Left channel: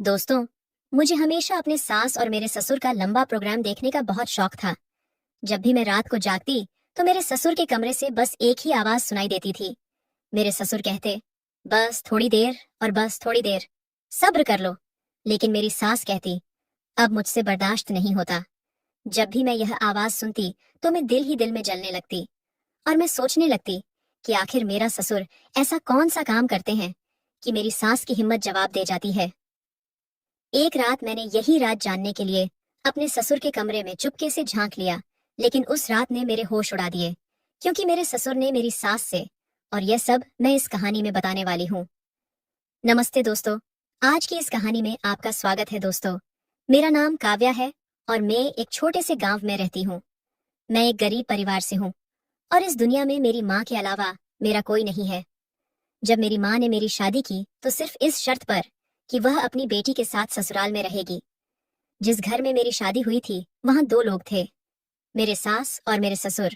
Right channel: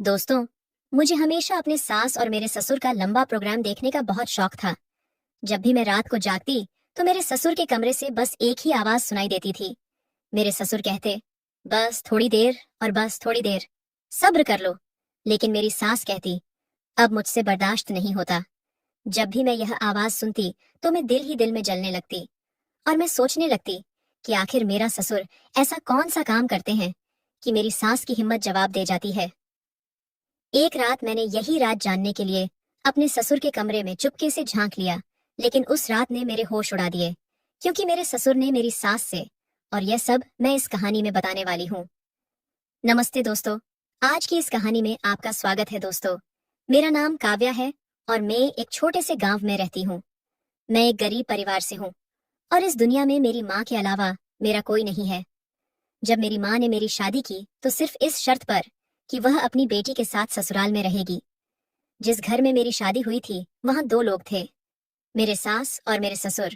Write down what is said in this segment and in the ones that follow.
दोस्तों, मुझे हमेशा अपने सास और मेरे ससुर का लंबा प्रोग्राम देखने का बहुत शौक था। जब भी मैं रात को जागती, तो मेरे ससुर के कमरे से बस एक ही आवाज सुनाई देती थी। मेरे ससुर कहते, बस थोड़ी देर और बस थोड़ी देर, सब्र कर लो। लेकिन मेरी सास कहती, अब मुझसे बर्दाश्त नहीं होता। जब भी मैं यह आवाज सुनती, तो मैं दिल ही दिल में जलने लगती और मैं सोचने लगती कि आखिर मेरा ससुर ऐसा कौन सा काम करते हैं कि मेरी सास की हिम्मत जवाब दे जाती है। एक रात मैंने यही रात जानने के लिए अपने ससुर के कमरे में चुपके से झांक लिया, लेकिन उस रात ने मेरे होश उड़ा दिए, क्योंकि मेरे ससुर ने मेरी सास से, और यह सब मैं इस कहानी में बताने वाली हूँ। नमस्ते दोस्तों, आज की इस कहानी में आपका स्वागत है दोस्तों। मेरा नाम काव्या है और मैं एक छोटे से गांव में रहती हूँ। मैं एक गरीब परिवार से हूँ और इस दुनिया में मेरी माँ के अलावा मेरा कोई नहीं है। जब मेरी माँ ने मेरी शादी की तो सिर्फ इस शर्त पर कि वह अपनी बेटी के साथ ससुराल में रहेगी। जिस घर में मेरी शादी हुई थी वहां दो लोग थे, मेरे सास और मेरे ससुर।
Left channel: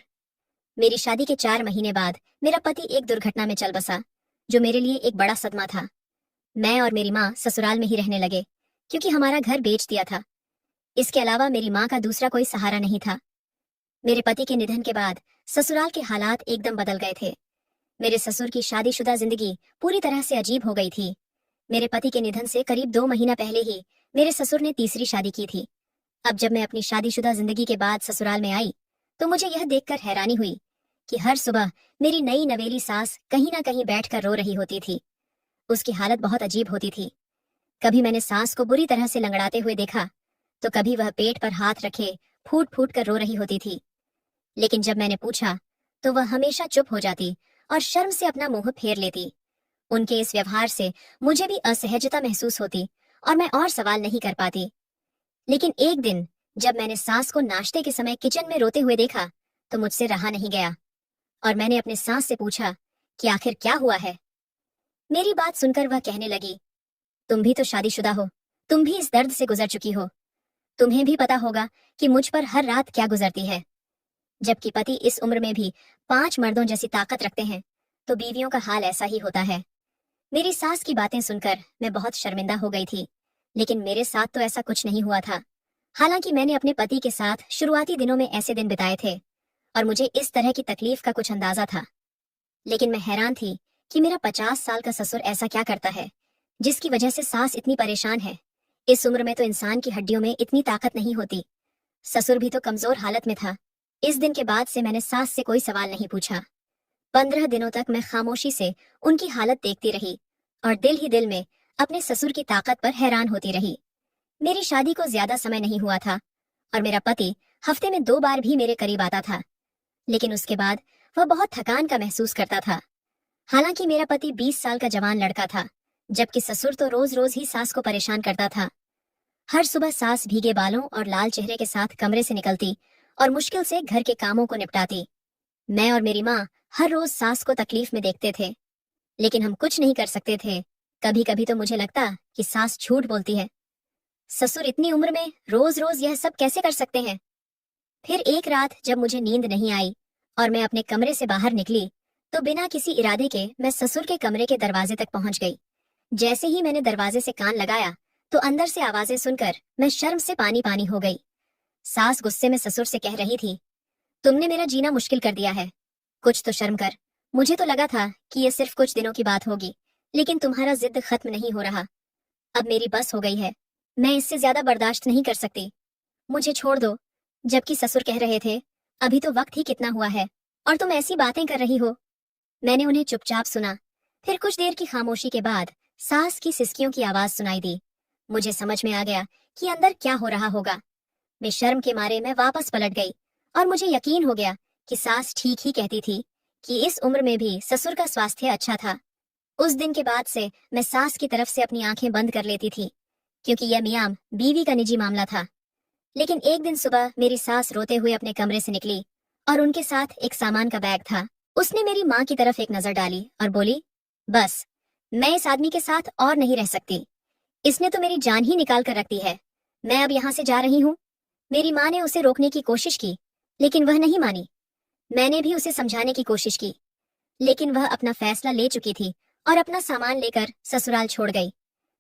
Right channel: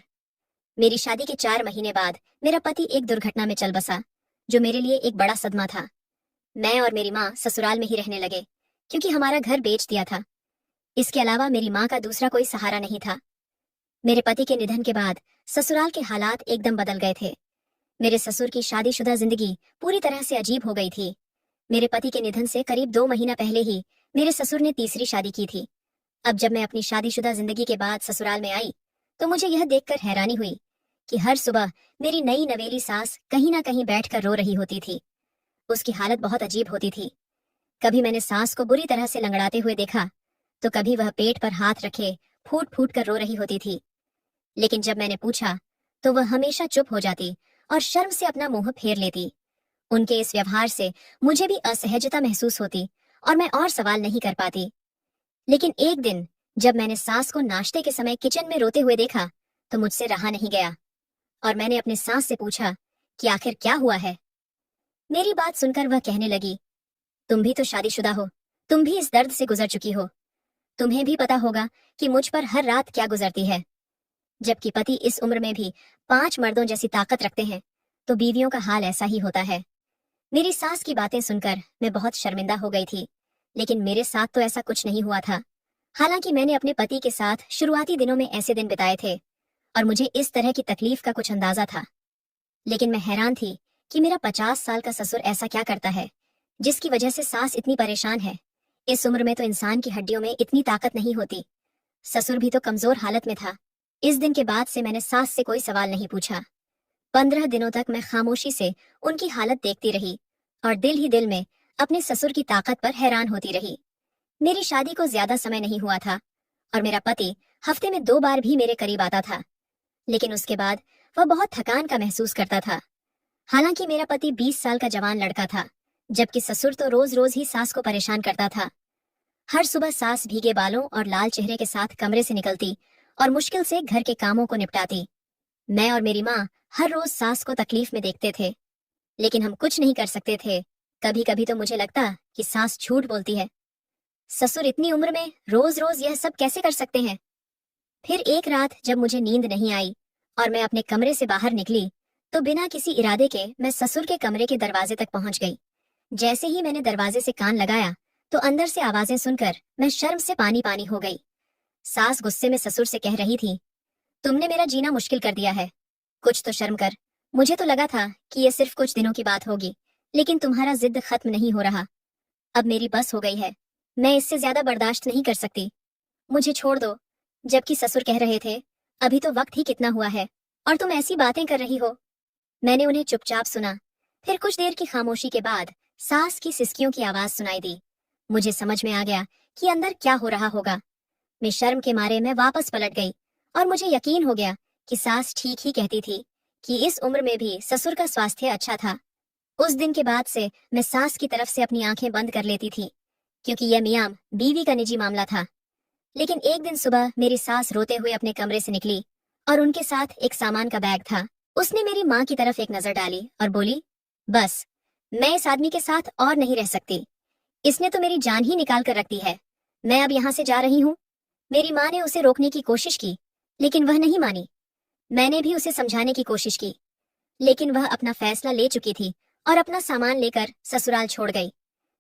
मेरी शादी के 4 महीने बाद मेरा पति एक दुर्घटना में चल बसा, जो मेरे लिए एक बड़ा सदमा था। मैं और मेरी माँ ससुराल में ही रहने लगे, क्योंकि हमारा घर बेच दिया था। इसके अलावा मेरी माँ का दूसरा कोई सहारा नहीं था। मेरे पति के निधन के बाद ससुराल के हालात एकदम बदल गए थे। मेरे ससुर की शादीशुदा जिंदगी पूरी तरह से अजीब हो गई थी। मेरे पति के निधन से करीब 2 महीना पहले ही मेरे ससुर ने तीसरी शादी की थी। अब जब मैं अपनी शादीशुदा जिंदगी के बाद ससुराल में आई, तो मुझे यह देखकर हैरानी हुई कि हर सुबह मेरी नई नवेली सास कहीं ना कहीं बैठकर रो रही होती थी। उसकी हालत बहुत अजीब होती थी। कभी मैंने सास को बुरी तरह से लंगड़ाते हुए देखा, तो कभी वह पेट पर हाथ रखे फूट फूट कर रो रही होती थी। लेकिन जब मैंने पूछा, तो वह हमेशा चुप हो जाती और शर्म से अपना मुंह फेर लेती। उनके इस व्यवहार से मुझे भी असहजता महसूस होती और मैं और सवाल नहीं कर पाती। लेकिन एक दिन जब मैंने सास को नाश्ते के समय किचन में रोते हुए देखा, तो मुझसे रहा नहीं गया और मैंने अपने सास से पूछा कि आखिर क्या हुआ है। मेरी बात सुनकर वह कहने लगी, तुम भी तो शादीशुदा हो, तुम भी इस दर्द से गुजर चुकी हो। तुम्हें भी पता होगा कि मुझ पर हर रात क्या गुजरती है। जबकि पति इस उम्र में भी 5 मर्दों जैसी ताकत रखते हैं, तो बीवियों का हाल ऐसा ही होता है। मेरी सास की बातें सुनकर मैं बहुत शर्मिंदा हो गई थी, लेकिन मेरे साथ तो ऐसा कुछ नहीं हुआ था। हालांकि मैंने अपने पति के साथ शुरुआती दिनों में ऐसे दिन बिताए थे और मुझे इस तरह की तकलीफ का कुछ अंदाजा था। लेकिन मैं हैरान थी कि मेरा 50 साल का ससुर ऐसा क्या करता है जिसकी वजह से सास इतनी परेशान है। इस उम्र में तो इंसान की हड्डियों में इतनी ताकत नहीं होती। ससुर भी तो कमजोर हालत में था। इस दिन के बाद से मैंने सास से कोई सवाल नहीं पूछा। 15 दिनों तक मैं खामोशी से उनकी हालत देखती रही और दिल ही दिल में अपने ससुर की ताकत पर हैरान होती रही। मेरी शादी को ज्यादा समय नहीं हुआ था और मेरा पति हफ्ते में 2 बार भी मेरे करीब आता था, लेकिन उसके बाद वह बहुत थकान का महसूस करता था। हालांकि मेरा पति 20 साल का जवान लड़का था, जबकि ससुर तो रोज रोज ही सास को परेशान करता था। हर सुबह सास भीगे बालों और लाल चेहरे के साथ कमरे से निकलती और मुश्किल से घर के कामों को निपटाती। मैं और मेरी माँ हर रोज सास को तकलीफ में देखते थे, लेकिन हम कुछ नहीं कर सकते थे। कभी कभी तो मुझे लगता कि सास झूठ बोलती है। ससुर इतनी उम्र में रोज रोज यह सब कैसे कर सकते हैं। फिर एक रात जब मुझे नींद नहीं आई और मैं अपने कमरे से बाहर निकली, तो बिना किसी इरादे के मैं ससुर के कमरे के दरवाजे तक पहुंच गई। जैसे ही मैंने दरवाजे से कान लगाया, तो अंदर से आवाजें सुनकर मैं शर्म से पानी पानी हो गई। सास गुस्से में ससुर से कह रही थी, तुमने मेरा जीना मुश्किल कर दिया है, कुछ तो शर्म कर। मुझे तो लगा था कि यह सिर्फ कुछ दिनों की बात होगी, लेकिन तुम्हारा जिद खत्म नहीं हो रहा। अब मेरी बस हो गई है, मैं इससे ज्यादा बर्दाश्त नहीं कर सकती, मुझे छोड़ दो। जबकि ससुर कह रहे थे, अभी तो वक्त ही कितना हुआ है और तुम ऐसी बातें कर रही हो। मैंने उन्हें चुपचाप सुना। फिर कुछ देर की खामोशी के बाद सास की सिसकियों की आवाज सुनाई दी। मुझे समझ में आ गया कि अंदर क्या हो रहा होगा। मैं शर्म के मारे मैं वापस पलट गई और मुझे यकीन हो गया कि सास ठीक ही कहती थी कि इस उम्र में भी ससुर का स्वास्थ्य अच्छा था। उस दिन के बाद से मैं सास की तरफ से अपनी आंखें बंद कर लेती थी, क्योंकि यह मियां बीवी का निजी मामला था। लेकिन एक दिन सुबह मेरी सास रोते हुए अपने कमरे से निकली और उनके साथ एक सामान का बैग था। उसने मेरी माँ की तरफ एक नजर डाली और बोली, बस, मैं इस आदमी के साथ और नहीं रह सकती। इसने तो मेरी जान ही निकाल कर रख दी है। मैं अब यहाँ से जा रही हूँ। मेरी माँ ने उसे रोकने की कोशिश की, लेकिन वह नहीं मानी। मैंने भी उसे समझाने की कोशिश की, लेकिन वह अपना फैसला ले चुकी थी और अपना सामान लेकर ससुराल छोड़ गई।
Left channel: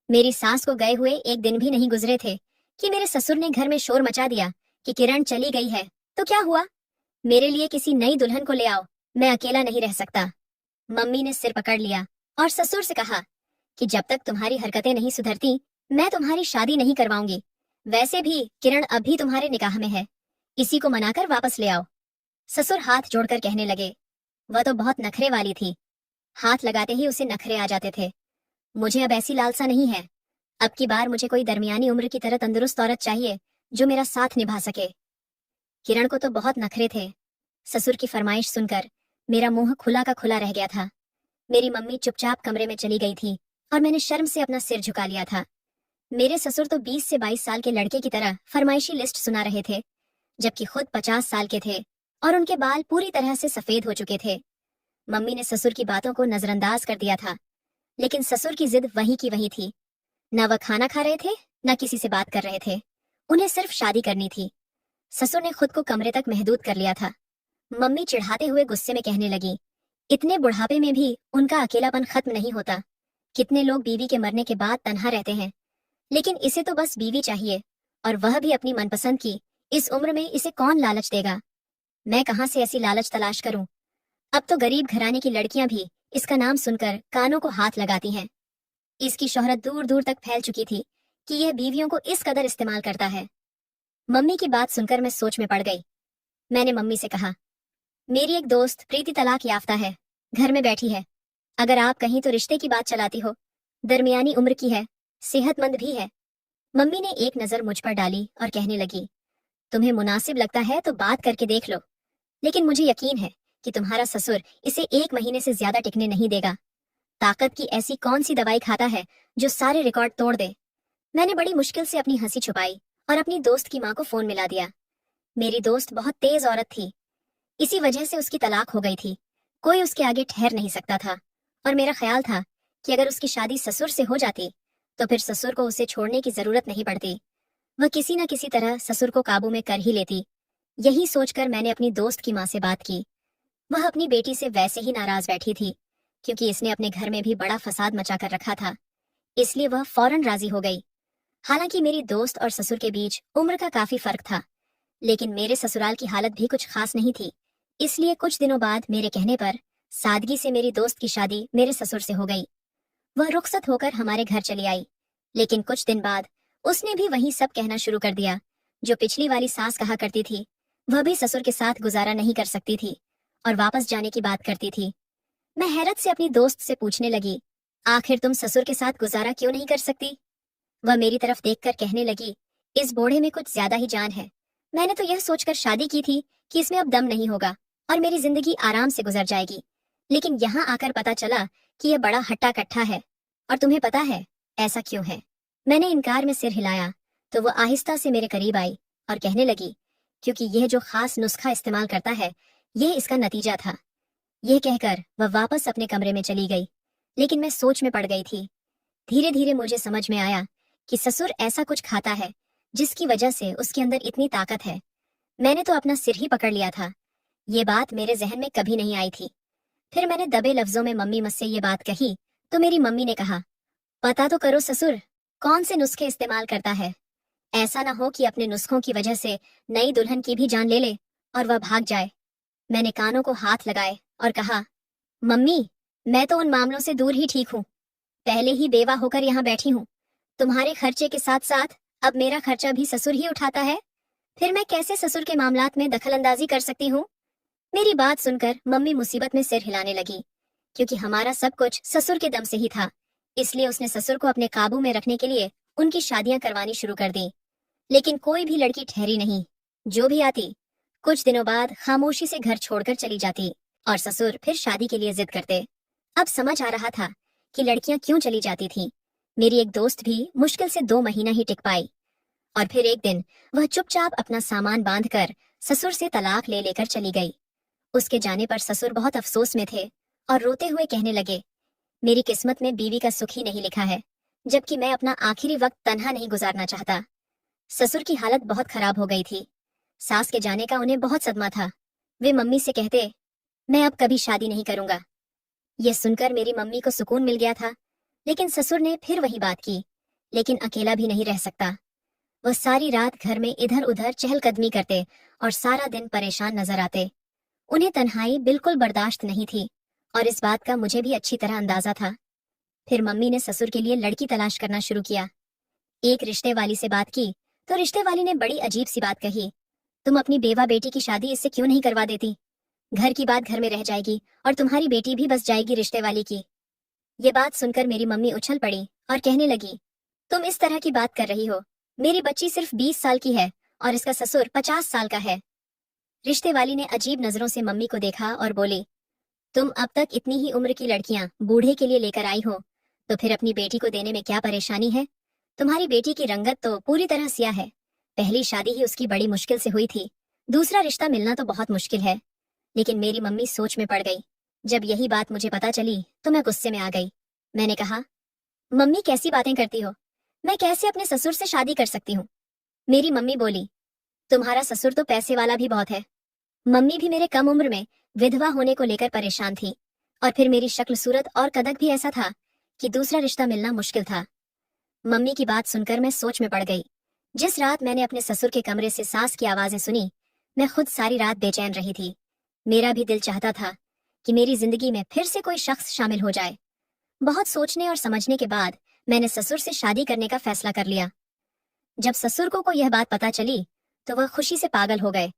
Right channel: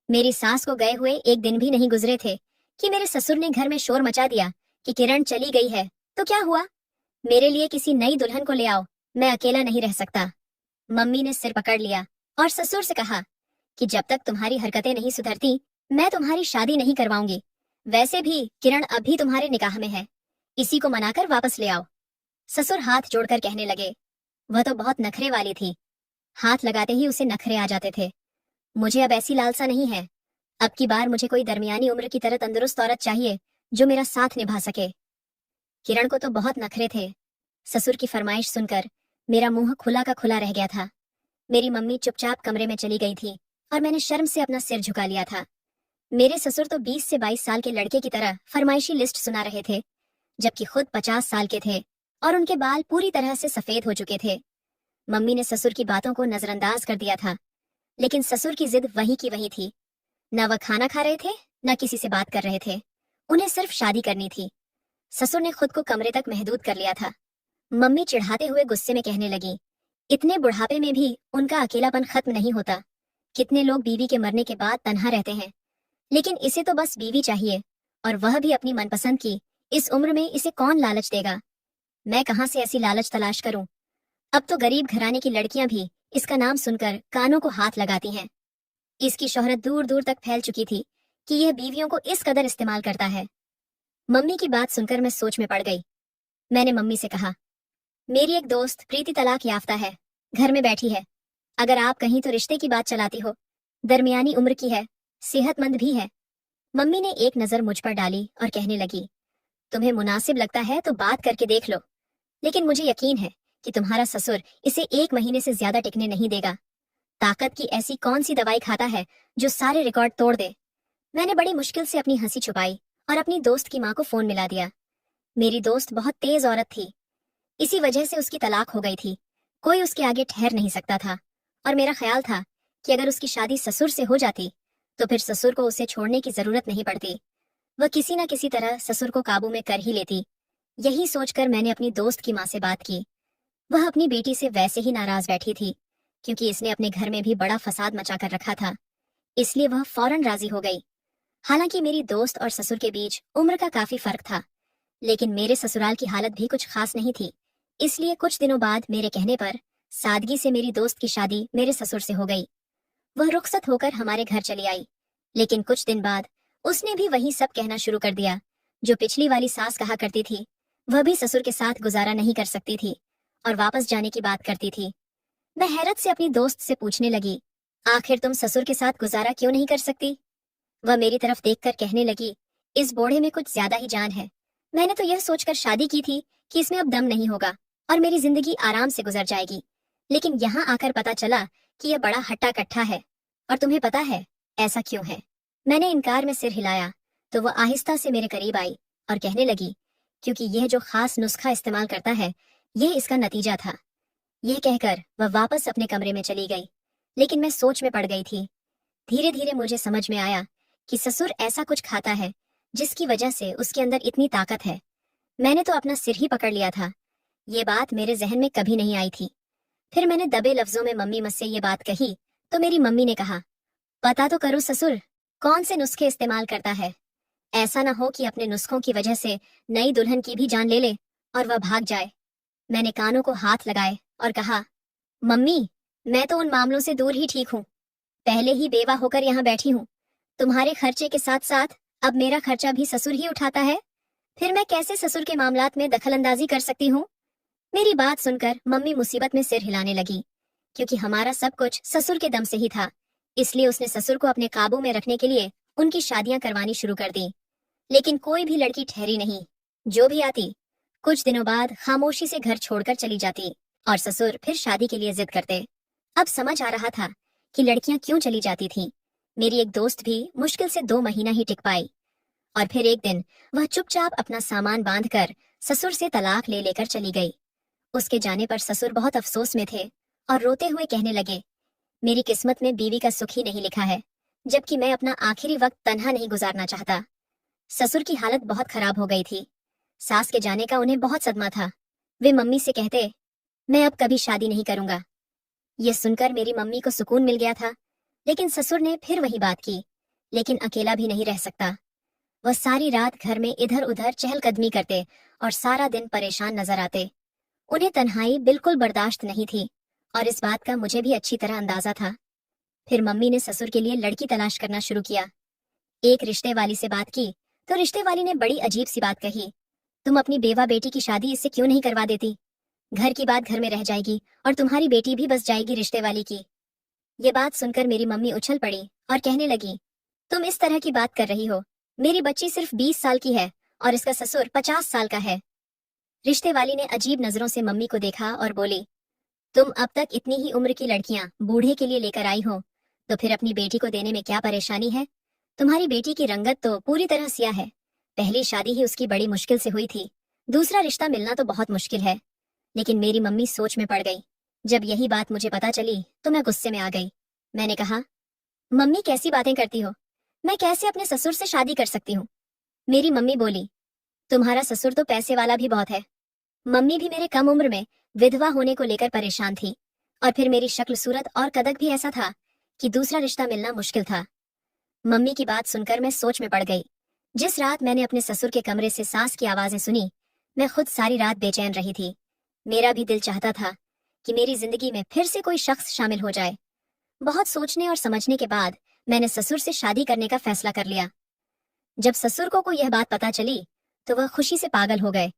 मेरी सास को गए हुए एक दिन भी नहीं गुजरे थे कि मेरे ससुर ने घर में शोर मचा दिया कि किरण चली गई है। तो क्या हुआ? मेरे लिए किसी नई दुल्हन को ले आओ, मैं अकेला नहीं रह सकता। मम्मी ने सिर पकड़ लिया और ससुर से कहा कि जब तक तुम्हारी हरकतें नहीं सुधरती, मैं तुम्हारी शादी नहीं करवाऊंगी। वैसे भी किरण अभी तुम्हारे निकाह में है, इसी को मनाकर वापस ले आओ। ससुर हाथ जोड़कर कहने लगे। वह तो बहुत नखरे वाली थी, हाथ लगाते ही उसे नखरे आ जाते थे। मुझे अब ऐसी लालसा नहीं है। अब की बार मुझे कोई दरमियानी उम्र की तरह तंदुरुस्त औरत चाहिए जो मेरा साथ निभा सके। किरण को तो बहुत नखरे थे। ससुर की फरमाइश सुनकर मेरा मुंह खुला का खुला रह गया था। मेरी मम्मी चुपचाप कमरे में चली गई थी और मैंने शर्म से अपना सिर झुका लिया था। मेरे ससुर तो 20 से 22 साल के लड़के की तरह फरमाइशी लिस्ट सुना रहे थे, जबकि खुद 50 साल के थे और उनके बाल पूरी तरह से सफेद हो चुके थे। मम्मी ने ससुर की बातों को नजरअंदाज कर दिया था, लेकिन ससुर की जिद वही की वही थी। न वह खाना खा रहे थे, न किसी से बात कर रहे थे। उन्हें सिर्फ शादी करनी थी। ससुर ने खुद को कमरे तक महदूद कर लिया था। मम्मी चिढ़ाते हुए गुस्से में कहने लगी, इतने बुढ़ापे में भी उनका अकेलापन खत्म नहीं होता। कितने लोग बीवी के मरने के बाद तन्हा रहते हैं, लेकिन इसे तो बस बीवी चाहिए, और वह भी अपनी मनपसंद की। इस उम्र में इसे कौन लालच देगा? मैं कहां से ऐसी लालच तलाश करूं? अब तो गरीब घराने की लड़कियां भी इसका नाम सुनकर कानों को हाथ लगाती हैं। इसकी शोहरत दूर दूर तक फैल चुकी थी कि यह बीवियों को इस कदर इस्तेमाल करता है। मम्मी की बात सुनकर मैं सोच में पड़ गई। मैंने मम्मी से कहा, मेरी एक दोस्त प्रीति तलाक याफ्ता है, घर में बैठी है। अगर आप कहीं तो रिश्ते की बात चलाती हो। दरमियानी उम्र की है, सेहतमंद भी है। मम्मी ने एक नजर मुझ पर डाली और कहने लगी, तुम्हें मुनासिब लगता है तो बात करके देख लो, लेकिन मुझे यकीन है कि तुम्हारा ससुर इसे 1 महीने से ज्यादा टिकने नहीं देगा। ताकत की ऐसी कौन सी दवाई खाता है जो सारे रिकॉर्ड तोड़ दे? मैंने बड़ी मुश्किल से अपनी हंसी छुपाई और अपनी दोस्त की माँ को फोन मिला दिया। मेरी दोस्त बहुत तेज औरत थी, इसी वजह से उसकी तलाक हो गई थी। कोई उसके आगे ठहर नहीं सकता था, और मेरा ख्याल था कि अगर उसकी शादी ससुर से हो जाती तो फिर ससुर को उसे छोड़ने की जरूरत नहीं पड़ती। वह किसी न किसी तरह ससुर को काबू में कर ही लेती। यही सोचकर मैंने अपनी दोस्त की माँ से बात की। वह अपनी बेटी से वैसे ही नाराज बैठी थी, क्योंकि इसने अपने घर में भी बड़ा फसाद मचा कर रखा था। इसलिए वह फौरन राजी हो गई। हालांकि मेरी दोस्त और ससुर के बीच उम्र का काफी फर्क था, लेकिन मेरे ससुराल की हालत भी कुछ खास नहीं थी। इसलिए कुछ दिनों बाद मेरे कहने पर सादगी से मेरी दोस्त की शादी मेरे ससुर से हो गई। वह रुखसत होकर हमारे घर चली आई, लेकिन कुछ दिन बाद उसने भी वही सब कहना शुरू कर दिया जो पिछली वाली सास कहा करती थी। वह भी ससुर के साथ गुजारा नहीं कर सकती थी और वापस जाने की बात करती थी। मैं हैरत से अपनी दोस्त से पूछने लगी, आखिर तुम ससुर के साथ गुजारा क्यों नहीं कर सकती? वह मेरी तरफ देखकर कहने लगी, इस बोड़े में कुछ ज्यादा ही जान है। मैंने तो यह सोचकर शादी की थी कि इसमें अब दम नहीं होगा और मेरी जिंदगी आराम से गुजर जाएगी, लेकिन यहाँ आकर पता चला कि यह बड़ा हट्टा कट्ठा है। और तुम्हें पता है ऐसा क्यों है? मैंने इनकार में सिर हिलाया तो वह आहिस्ता से मेरे करीब आई और कहने लगी, क्योंकि यह जो खास नुस्खा इस्तेमाल करता है, यह इसका नतीजा था। यह कहकर वह वापस अपने कमरे में चली गई, लेकिन मैं सोच में पड़ गई थी। धीरे धीरे मुझे समझ में आया कि ससुर ऐसा कुछ खाता है जिसकी वजह से उसके अंदर इतनी ताकत है। मैंने तो अपना सिर ही पकड़ लिया था। ये बात मेरे जहन में कभी नहीं आई थी। फिर मैंने दबे लफ्जों में मम्मी मुझसे ये बात कही तो मेरी मम्मी ने कहा, पता तो करो ससुर कौन से नुस्खे इस्तेमाल करता है। ऐसा ना हो कि अपने नुस्खों की वजह से नई दुल्हन की भी जान ले ले और वह भाग जाए। मैंने कानों को हाथ लगाए और कहा, मम्मी, मैं तो उन मामलों से दूर ही ठीक हूँ। पहले ही बेवा होकर यहाँ बैठी हूँ। तुम्हारे खर्चे के साथ साथ अब मेरा खर्चा भी ससुर ही उठाता है। फिर मैं कैसे ससुर के मामलात में दखलंदाजी कर सकती हूँ? मेरी बात सुनकर मम्मी मुसीबत में सिर हिलाने लगी, क्योंकि हमारा सब कुछ ससुर के दम से ही था। इसलिए उसने ससुर को अपने काबू में रखने के लिए उनकी शादियां करवानी शुरू कर दी। लेकिन कोई भी लड़की ठहरी नहीं। जो भी आती कुछ दिनों बाद खामोशी से घर छोड़कर चली जाती और ससुर फिर शादी के लिए जिद करते। अब समझ आ रहा था कि लड़कियां क्यों चली जाती थीं। मेरी एक दोस्त भी मुश्किल से 2 महीना ही टिक पाई, और फिर एक दिन वह चुपचाप अपना सामान बांधकर ससुर से तलाक ले लेकर चली गई। उसके जाने पर ससुर बहुत अफसोस में थे और रोते हुए कहने लगे, मेरी किस्मत में बीवी का सुख ही नहीं लिखा है, जबकि मैं अपना आखिरी वक्त तन्हा नहीं गुजारना चाहता। ससुर की हालत बहुत खराब हो गई थी। सास के जाने का उन्हें बहुत सदमा था। वे मम्मी से कहते, मैं अब कभी शादी नहीं करूंगा। ये सुनकर मेरी मम्मी को सुकून मिल गया था, लेकिन ससुर ने फिर वही बात की लेकिन अकेला भी नहीं रह सकता। वह सारी रात घर में इधर उधर चहलकदमी करते और सारा दिन परेशान नजर आते। उन्हें तन्हाई बिल्कुल बर्दाश्त नहीं थी और इस बात का मुझे भी अच्छी तरह अंदाजा था। फिर मम्मी ने ससुर के लिए लड़की तलाश करना शुरू किया। एक रिश्ते वाली से बात की तो रिश्ते वाली ने बड़ी अजीब सी बात कही, तुम अपनी बेवा बेटी की शादी इससे क्यों नहीं करवा देती? घर की बात घर में रह जाएगी और तुम्हारी बेटी भी बस जाएगी रिश्ते वाली की। ये बात सुनकर मेरी मम्मी उछल पड़ी और कहने लगी, तुम इस तरह की बात कर रही हो? मेरी बच्ची सिर्फ 20 साल की है और इसका ससुर 50 साल का है। रिश्ते वाली ने अजीब नजरों से मम्मी को देखा और बोली, तुम अब तक इतनी ही उम्र की लड़कियां बूढ़े के लिए लेकर आई हो, तो फिर अपनी बेटी को देने में क्या परेशानी है? तुम्हारी बेटी की रंगत तो पूरी तरह सिया है। पहली शादी ही उसकी बड़ी मुश्किल से हुई थी, दूसरा रिश्ता मिलना तो बहुत मुश्किल है। लेकिन मेरी मम्मी सोच में पड़ गई। जब यही बात मुझे पता चली तो मैं गुस्से में आ गई। मैंने कहा, मम्मी कैसी बातें करती हो? मैं कैसे अपने ससुर से शादी कर सकती हूँ? मेरी मम्मी बोली, तुम्हारा ससुर तो पैसे वाला भी बहुत है। मम्मी भी मेरे कम उम्र में विधवा होने को लेकर परेशान थी और फिर मेरी शक्ल सूरत और कदक भी ऐसा था कि दूसरा रिश्ता मिलना मुश्किल था। मम्मी की बात सुनकर मैं सोच में पड़ गई। जिस रात मैंने अपने ससुर के कमरे से सांस की आवाजें सुनी, मैं खुद सारी रात बेचैन रही थी। मेरा भी दिल चाहता था कि मेरी जिंदगी में फिर से कोई शख्स शामिल हो जाए। बहुत सोचने और समझने के बाद मैंने ससुर से शादी करने का फैसला कर लिया। जब ससुर को यह बात पता चली तो वह खुशी से पागल हो गए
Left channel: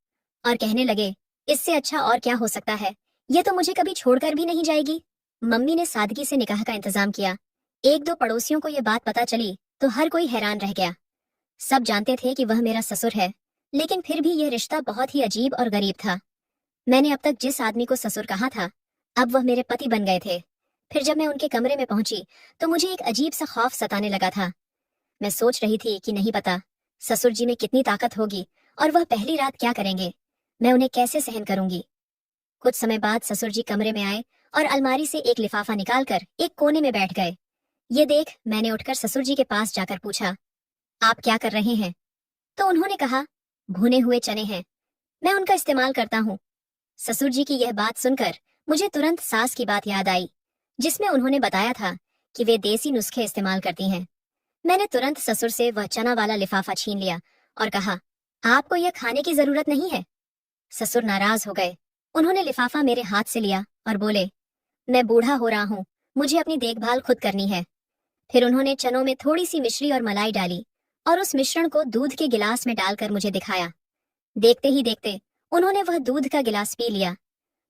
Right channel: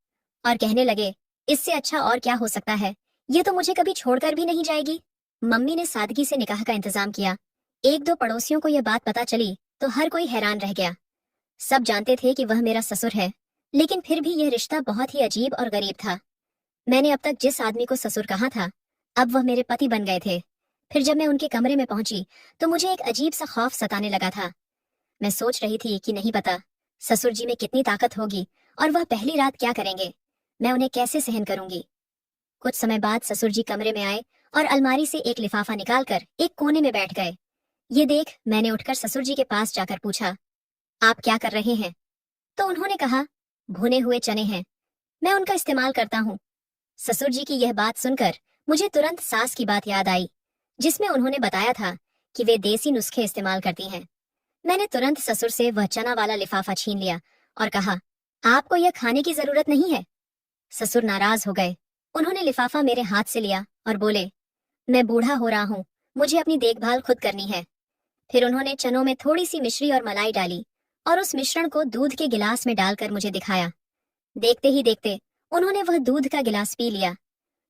और कहने लगे, इससे अच्छा और क्या हो सकता है, यह तो मुझे कभी छोड़कर भी नहीं जाएगी। मम्मी ने सादगी से निकाह का इंतजाम किया। एक दो पड़ोसियों को यह बात पता चली तो हर कोई हैरान रह गया। सब जानते थे कि वह मेरा ससुर है, लेकिन फिर भी यह रिश्ता बहुत ही अजीब और गरीब था। मैंने अब तक जिस आदमी को ससुर कहा था, अब वह मेरे पति बन गए थे। फिर जब मैं उनके कमरे में पहुंची तो मुझे एक अजीब सा खौफ सताने लगा था। मैं सोच रही थी कि नहीं पता ससुर जी में कितनी ताकत होगी और वह पहली रात क्या करेंगे, मैं उन्हें कैसे सहन करूंगी। कुछ समय बाद ससुर जी कमरे में आए और अलमारी से एक लिफाफा निकालकर एक कोने में बैठ गए। ये देख मैंने उठकर ससुर जी के पास जाकर पूछा, आप क्या कर रहे हैं? तो उन्होंने कहा, भुने हुए चने हैं, मैं उनका इस्तेमाल करता हूँ। ससुर जी की यह बात सुनकर मुझे तुरंत सास की बात याद आई, जिसमें उन्होंने बताया था कि वे देसी नुस्खे इस्तेमाल करती हैं। मैंने तुरंत ससुर से वह चना वाला लिफाफा छीन लिया और कहा, आपको यह खाने की जरूरत नहीं है। ससुर नाराज हो गए। उन्होंने लिफाफा मेरे हाथ से लिया और बोले, मैं बूढ़ा हो रहा हूँ, मुझे अपनी देखभाल खुद करनी है। फिर उन्होंने चनों में थोड़ी सी मिश्री और मलाई डाली और उस मिश्रण को दूध के गिलास में डालकर मुझे दिखाया। देखते ही देखते उन्होंने वह दूध का गिलास पी लिया।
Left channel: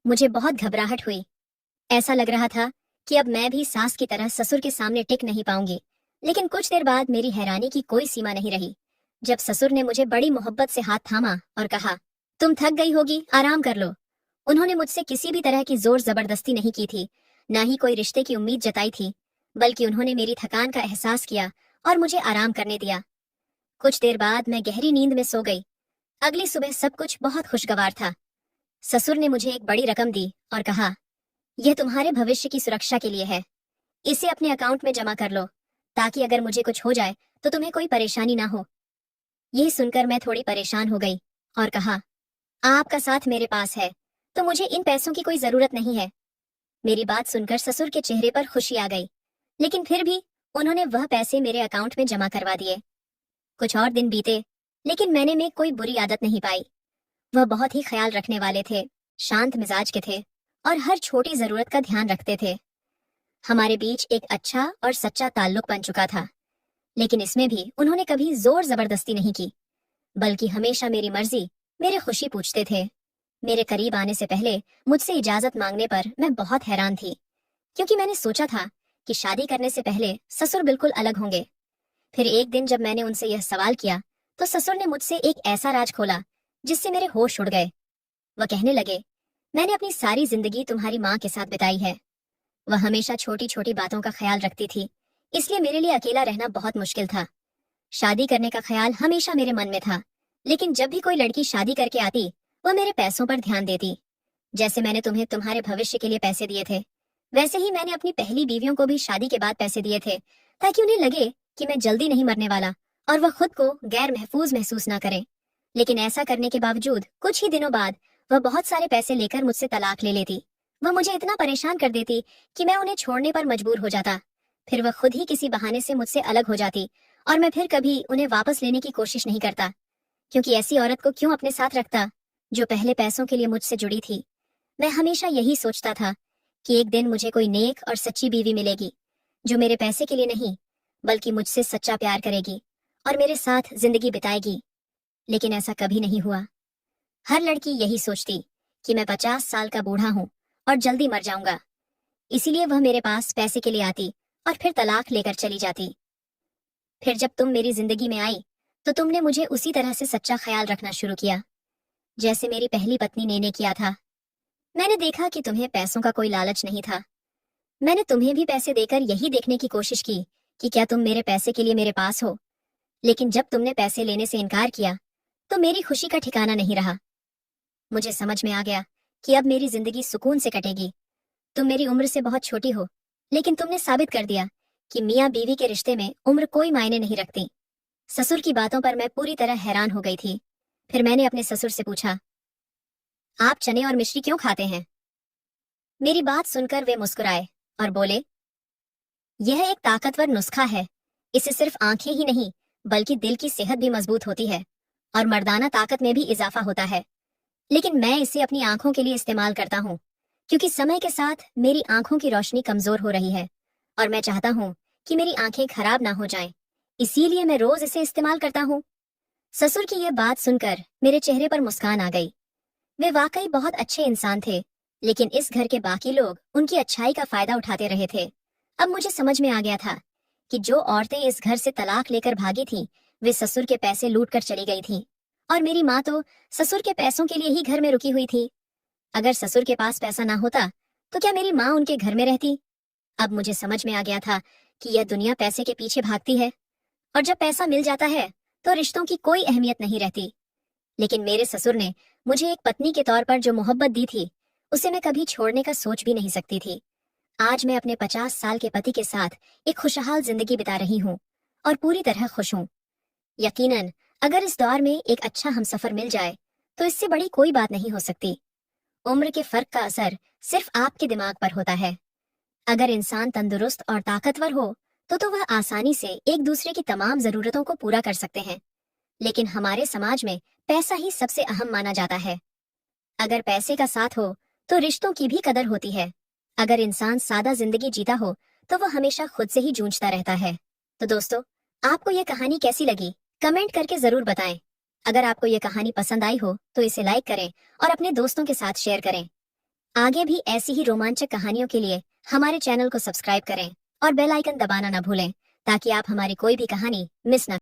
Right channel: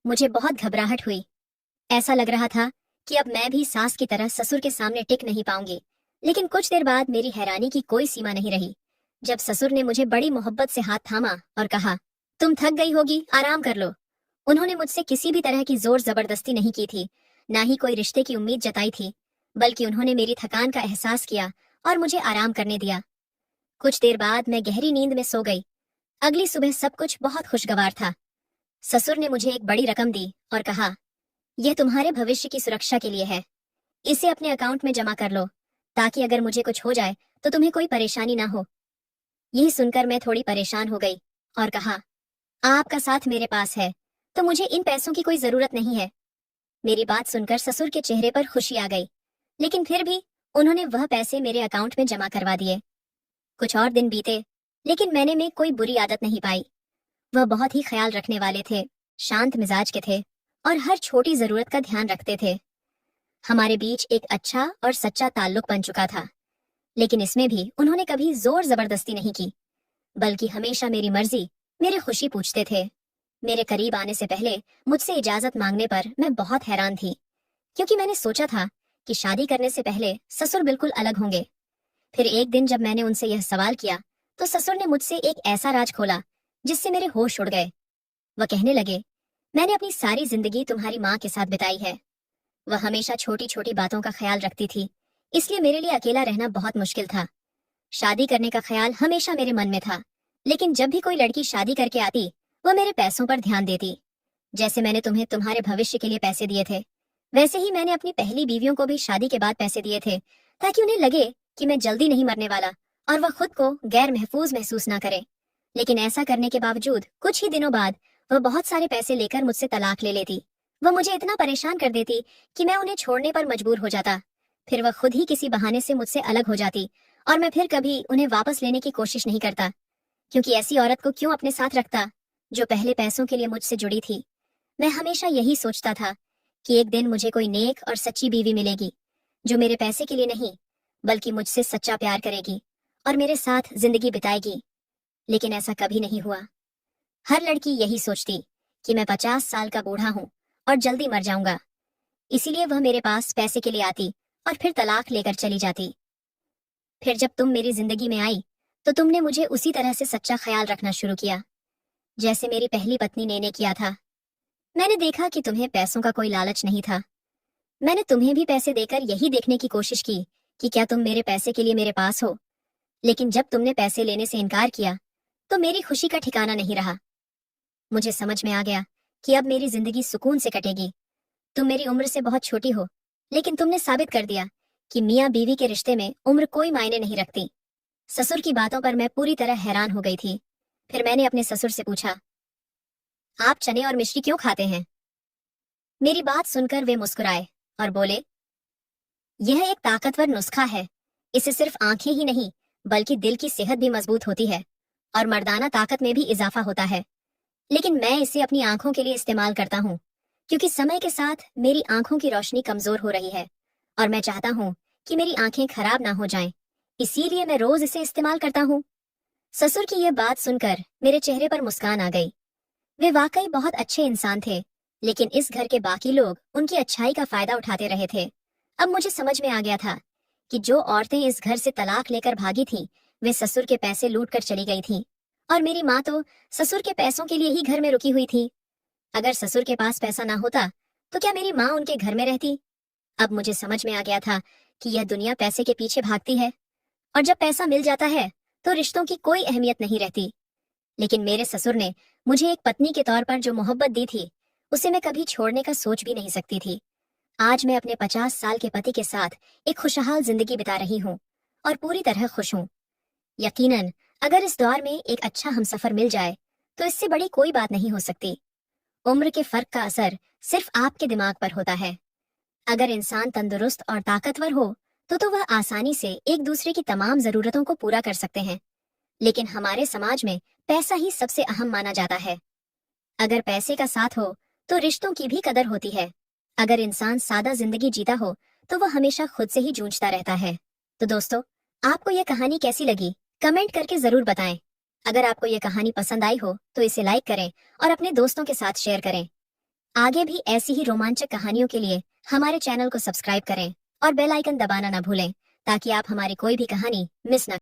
मुझे बहुत घबराहट हुई। ऐसा लग रहा था कि अब मैं भी सास की तरह ससुर के सामने टिक नहीं पाऊंगी। लेकिन कुछ देर बाद मेरी हैरानी की कोई सीमा नहीं रही जब ससुर ने मुझे बड़ी मोहब्बत से हाथ थामा और कहा, तुम थक गई होगी, आराम कर लो। उन्होंने मुझसे किसी भी तरह की जोर जबरदस्ती नहीं की थी, ना ही कोई रिश्ते की उम्मीद जताई थी, बल्कि उन्होंने मेरी थकान का एहसास किया और मुझे आराम करने दिया। कुछ देर बाद मैं गहरी नींद में सो गई। अगली सुबह सब कुछ बहुत खुशगवार था। ससुर ने मुझे एक बड़ी रकम दी और कहा, यह तुम्हारे भविष्य की सुरक्षा के लिए है, इसे अपने अकाउंट में जमा कर लो, ताकि अगर मुझे कुछ हो जाए तो तुम्हें कोई परेशानी ना हो। यही सुनकर मैं थोड़ी परेशान हो गई और कहा, आपका साथ मेरे पास है तो मुझे इन पैसों की कोई जरूरत नहीं है। मेरी बात सुनकर ससुर के चेहरे पर खुशी आ गई, लेकिन फिर भी उन्होंने वह पैसे मेरे अकाउंट में जमा करवा दिए। कुछ और दिन बीते, लेकिन मैंने में कोई बुरी आदत नहीं पाई। वह बहुत ही ख्याल रखने वाले थे, शांत मिजाज के थे और हर छोटी जरूरत का ध्यान रखते थे। हमारे बीच एक अच्छा और सच्चा ताल्लुक बन चुका था, लेकिन इसमें भी उन्होंने कभी जोर जबरदस्ती नहीं की, बल्कि हमेशा मेरी मर्जी, मेरी खुशी पूछते थे। मेरे करीब आने से पहले मुझसे इजाजत मांगने पर मैं बहुत हैरान थी, क्योंकि मैंने सोचा था कि शादी करने से पहले ससुर बिल्कुल अलग होंगे। फिर एक दिन जब मैंने उनसे यह सवाल किया तो ससुर ने मुझसे एक ऐसा राज खोला जिससे मेरे होश उड़ गए। वह कहने लगे, मैंने अपनी सारी जिंदगी तुम्हारी माँ के साथ बिताई है। वह हमेशा छोटी छोटी बातों का ख्याल रखती थी, इसलिए मेरे लिए अकेला रहना बहुत मुश्किल था। शादी करने का ख्याल हमेशा मेरे मन में था, लेकिन जब भी कोई लड़की शादी करके आती वह मेरे पैसों पर ध्यान देती। जैसे मैंने तुम्हें तुम्हारे भविष्य के लिए पैसे दिए थे, वैसे ही मैंने अपनी पहली बीवियों को भी शादी के बाद पैसे दिए थे, ताकि उन्हें लगे कि मैं जल्दी नहीं मरने वाला और वह खुद को गैर महफूज महसूस ना करे। लेकिन ऐसा करने के बावजूद कुछ ही दिनों बाद वह बहुत सारे पैसे लेकर मुझसे तलाक ले लेती। वह मुझे इतना परेशान कर देती कि मैं उन्हें छोड़ने पर मजबूर हो जाता। फिर वह खुद ही किसी बहाने से मुझसे अलग हो जाती और मैं फिर कभी उन्हें वापस लेने की कोशिश नहीं करता, क्योंकि ऐसी औरत को क्यों अपने साथ रखता जो पहले पैसों के लिए मुझसे जुड़ी थी। मैं हमेशा यही सोचता था कि एक दिन मुझे कोई नेक और सच्ची बीवी मिलेगी, जो मेरे पैसे के लिए नहीं बल्कि मुझसे सच्चा प्यार करेगी और मेरे साथ जिंदगी बिताएगी। लेकिन ऐसा कभी नहीं हुआ। हर लड़की यही सोचती कि मैं 50 साल का बूढ़ा हूँ और जल्दी मर जाऊंगा, इसीलिए वह मेरे पास पैसे के लिए आती और फिर तलाक लेकर चली जाती। फिर जब तुम मेरी जिंदगी में आई तो तुमने मुझे उसी तरह से सच्चा ख्याल रखना शुरू किया, जैसे मेरी पहली पत्नी ने किया था। मैंने देखा कि तुम्हें पैसों का कोई लालच नहीं था। मैंने तुम्हें भी पैसे देकर यही देखने की कोशिश की कि क्या तुम मेरे पैसे के लिए मेरे पास हो। लेकिन जब तुमने पैसे लेने से इनकार किया तो मेरी खुशी का ठिकाना नहीं रहा। मुझे समझ में आ गया कि अब मेरी जिंदगी सुकून से कटेगी। तुम मेरी उम्र से बहुत छोटी हो, लेकिन तुमने साबित कर दिया कि मियाँ बीवी के रिश्ते में उम्र कोई मायने नहीं रखती। ससुर की बातों पर मैं पूरी तरह हैरान हो गई थी। फिर मैंने अपने ससुर से पूछा, आप चने और मिश्री क्यों खाते हैं? मेरी बात सुनकर वे मुस्कुराए और बोले, यह एक ताकतवर नुस्खा है। इससे सिर्फ आंखें ही नहीं बल्कि दिल की सेहत भी मजबूत होती है और मर्दाना ताकत में भी इजाफा होता है। लेकिन मैं इसे अपनी आंखों के लिए इस्तेमाल करता हूँ, क्योंकि समय के साथ मेरी आंखों की रोशनी कमजोर हो रही है और मैं चाहता हूँ कि मेरी आंखें खराब ना हो जाएं। इसीलिए मैं रोज इसे इस्तेमाल करता हूँ। ससुर की यह बात सुनकर मेरे चेहरे पर मुस्कान आ गई। वे वाकई बहुत अच्छे इंसान थे, लेकिन इस घर के बाकी लोग उनकी अच्छाई का फायदा उठाते रहे थे। अब मुझे समझ में आ गया था कि जो औरतें इस घर से तलाक लेकर भागी थीं, वे ससुर के पैसे लूट कर चली गई थीं। और मेरी माँ तो ससुर के पैसों के लिए ही घर में रुकी हुई थी। अगर ससुर के पास पैसा ना होता तो क्या मेरी माँ उनके घर में रहती? अब मुझे समझ में आ गया था कि यह दुनिया पैसे के पीछे भागती है और जब पैसा मिल जाता है तो रिश्तों की कोई अहमियत नहीं रहती। लेकिन मेरे ससुर ने मुझे एक पत्नी के तौर पर जो मोहब्बत दी थी, उसे मैं कभी छोड़ने का सोच भी नहीं सकती थी। आज मैं अपने 50 साल के पति के साथ एक खुशहाल जिंदगी बिता रही हूँ और पूरी तरह खुश हूँ। यकीनन अगर इस दौर में एक अच्छा हमसफर मिल जाए तो इससे बड़ी कोई बात नहीं हो सकती। उम्र के फर्क का असर सिर्फ आपके दिमाग पर होता है। अगर इंसान तंदुरुस्त और ताकतवर हो तो वह आसानी से एक दूसरे की तमाम जरूरतों को पूरा कर सकते हैं। लेकिन हमारे समाज में पैसा ही सबसे अहम माना जाता है। अगर पैसे का साथ हो तो रिश्तों की भी कदर होती है। अगर इंसान सादा जिंदगी जीता हो तो वह हमेशा खुद से ही जूझता रहता है। तो दोस्तों, आपको यह कहानी कैसी लगी? कमेंट करके जरूर बताएं। अगर आपको यह कहानी पसंद आई हो तो इसे लाइक करें और अपने दोस्तों के साथ शेयर करें। आगे भी ऐसी ही रोमांचक कहानियों के लिए हमारे चैनल को सब्सक्राइब करें और बेल आइकन दबाना ना भूलें, ताकि आप हमारी कोई भी कहानी मिस न